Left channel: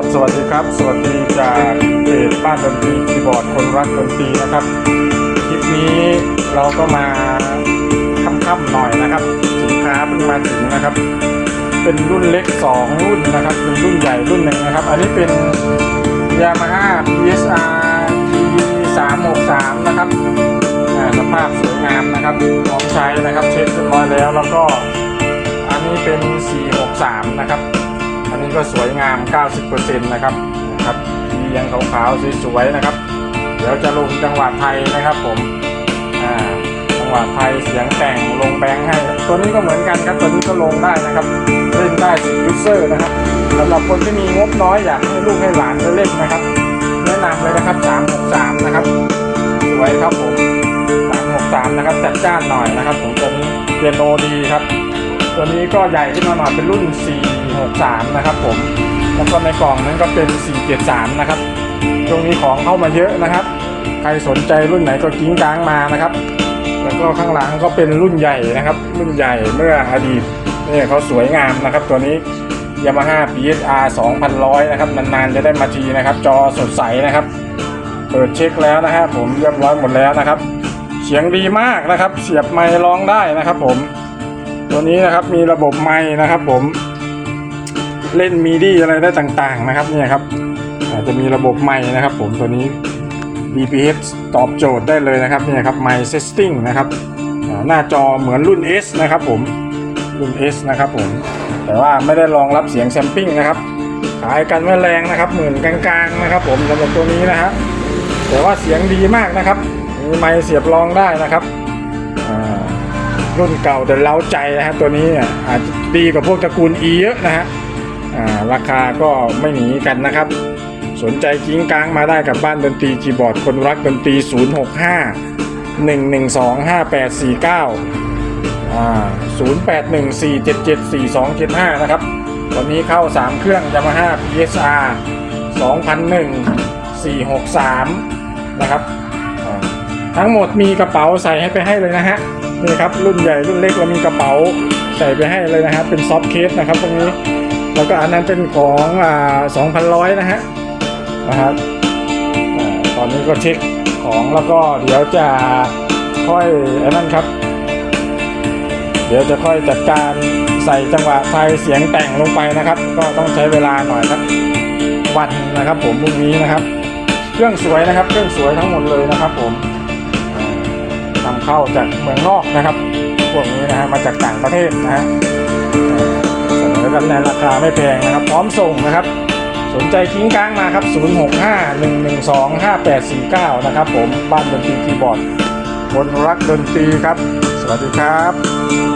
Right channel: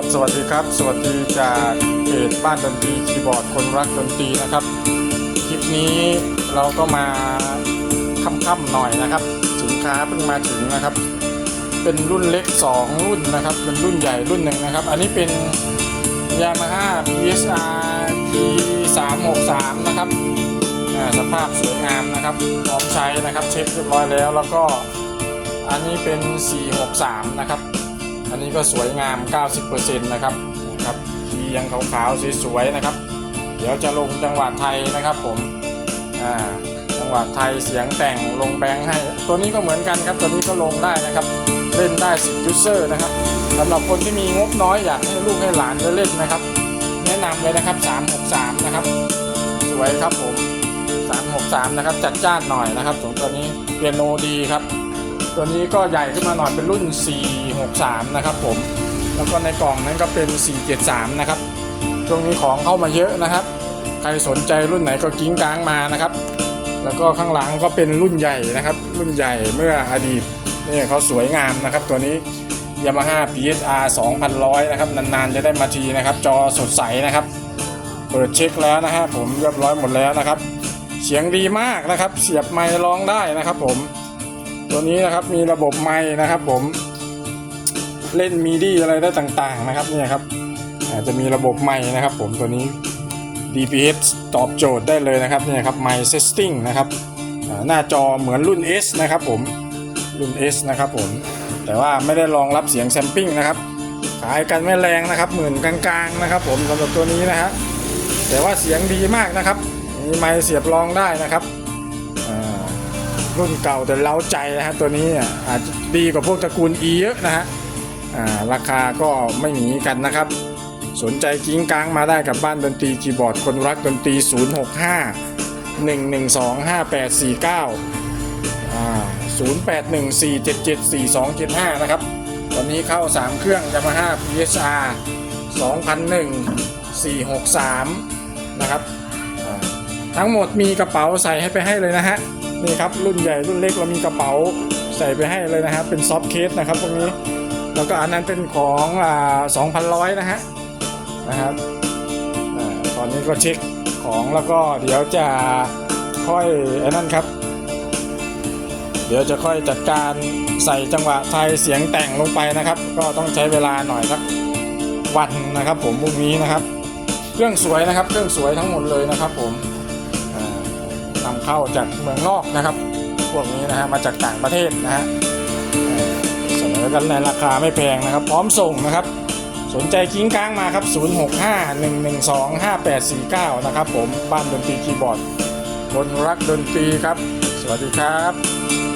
ครับ สวัสดีครับ สวัสดีจากเพจบ้านดนตรีคีย์บอร์ดคนรักดนตรีนะครับ คลิปนี้เราก็มาค่ำๆหน่อยนะครับ สินค้าเพิ่งมาถึงนะครับ เป็นรุ่นเล็ก 2 รุ่นนะครับเป็นรุ่นใหญ่รุ่นหนึ่งนะครับ อันนี้เป็น Yamaha PSR T 3 6 3 นะครับสภาพสวยงามนะครับพร้อมใช้นะครับ เช็คเรียบร้อยแล้วแล้วก็อันนี้เป็น 463 นะครับ นี้ก็สวยงาม 90%นะครับนะครับทียังขาวๆสวยๆนะครับ เดี๋ยวจะลงจังหวะไทยนะครับผมอ่าจังหวะไทยเสียงแต่งลงแบงค์ให้ ตัวนี้ก็เหมือนกันครับตัวนี้ก็ลงได้นะครับ เล่นได้10ยูเซอร์นะครับสำหรับคนที่มีงบน้อยอยากให้ลูกให้หลานเล่นนะครับ แนะนำเลยนะครับ363นะครับ สวยครับผม363นะครับจัดจ้านหน่อยนะครับผมตัวนี้เปียโนดีครับ ตัวนี้ก็ใหญ่ขึ้นมาหน่อยเป็นรุ่น 463 นะครับผม แล้วก็ในกล่องนั้นก็เป็น 473 นะครับ ตรงนี้ของเข้ามาเยอะนะครับ ใครสนใจรุ่นไหนก็กิ้งกลางมานะครับ แล้วก็ข้างหลังก็เป็นรุ่นใหญ่นะครับ รุ่นใหญ่เมื่ออดีตเนี่ยเขาสวยงามนะครับ ตัวนี้ Yamaha PSR 2100 นะครับ นานๆจะได้มาทีนะครับ จอสดใสนะครับ เปิดเช็คแล้วนะฮะผมเรียบร้อยหมดแล้วนะครับ เสียงดีมากนะครับ เสียบไมค์ร้องได้นะครับผม ตัวนี้นะครับมีระบบไมค์นะครับ ผมเล่นมีดีอะไรได้ต่างๆนะครับเนี่ยครับจจะมีระบบไมค์นะครับ ผมตัวนี้ DPH ตอบโจทย์ได้เลยนะครับเนี่ยครับไมค์เซสติ้งนะครับหน้าจอเหมือนรุ่น S นะครับ ผมรุ่น S นะครับผมแต่ว่าไม่ได้รองรับเสียงแซมปิ้งนะครับขายกันไม่แรงนะครับหมื่นกลางๆนะครับ ผมสำหรับตัวนี้นะครับแต่ว่าเสียงดีมากนะครับมีไมค์เสียบรองได้นะครับ รุ่นเก่าแต่เล้าใจนะครับตัวนี้อาจจะดีกว่าพวกตระกูล E เยอะนะฮะราคาก็ไม่หนีกันนะครับ สนใจกิ้งกลางมาได้กับบ้านดนตรีคีย์บอร์ดคนรักดนตรี 065 112 5849อ่า0814774275 นะครับ วันนี้เข้า 3 เครื่อง Yamaha PSR 2001 463 นะครับ ทั้งหมดมีกระเป๋าใส่ให้ไปให้เลยนะฮะ นี่ครับรุ่นใหญ่รุ่นเล็กเรามีกระเป๋าใส่ไปให้เลยนะครับ เป็นซอฟต์เคสนะครับตรงนี้แล้วก็อันนั้นเป็นของอ่า2,100นะฮะนะครับตอนนี้ก็เช็คของแล้วก็เดี๋ยวจะค่อยอันนั้นครับ เดี๋ยวจะค่อยจัดการใส่จังหวะไทยเสียงแต่งลงไปนะครับ ก็ต้องใช้เวลาหน่อยครับวันนะครับ ผมพรุ่งนี้นะครับ เครื่องสวยนะครับ เครื่องสวยทั้งหมดเลยนะ เข้าจากเมืองนอกนะครับ พวกนี้นะฮะมาจากต่างประเทศนะฮะเสนอกันในราคาไม่แพงนะครับ พร้อมส่งนะครับ สนใจกิ้งก้างมาครับ 0651125849 นะครับผมบ้านดนตรีคีย์บอร์ดคนรักดนตรีครับ สวัสดีครับ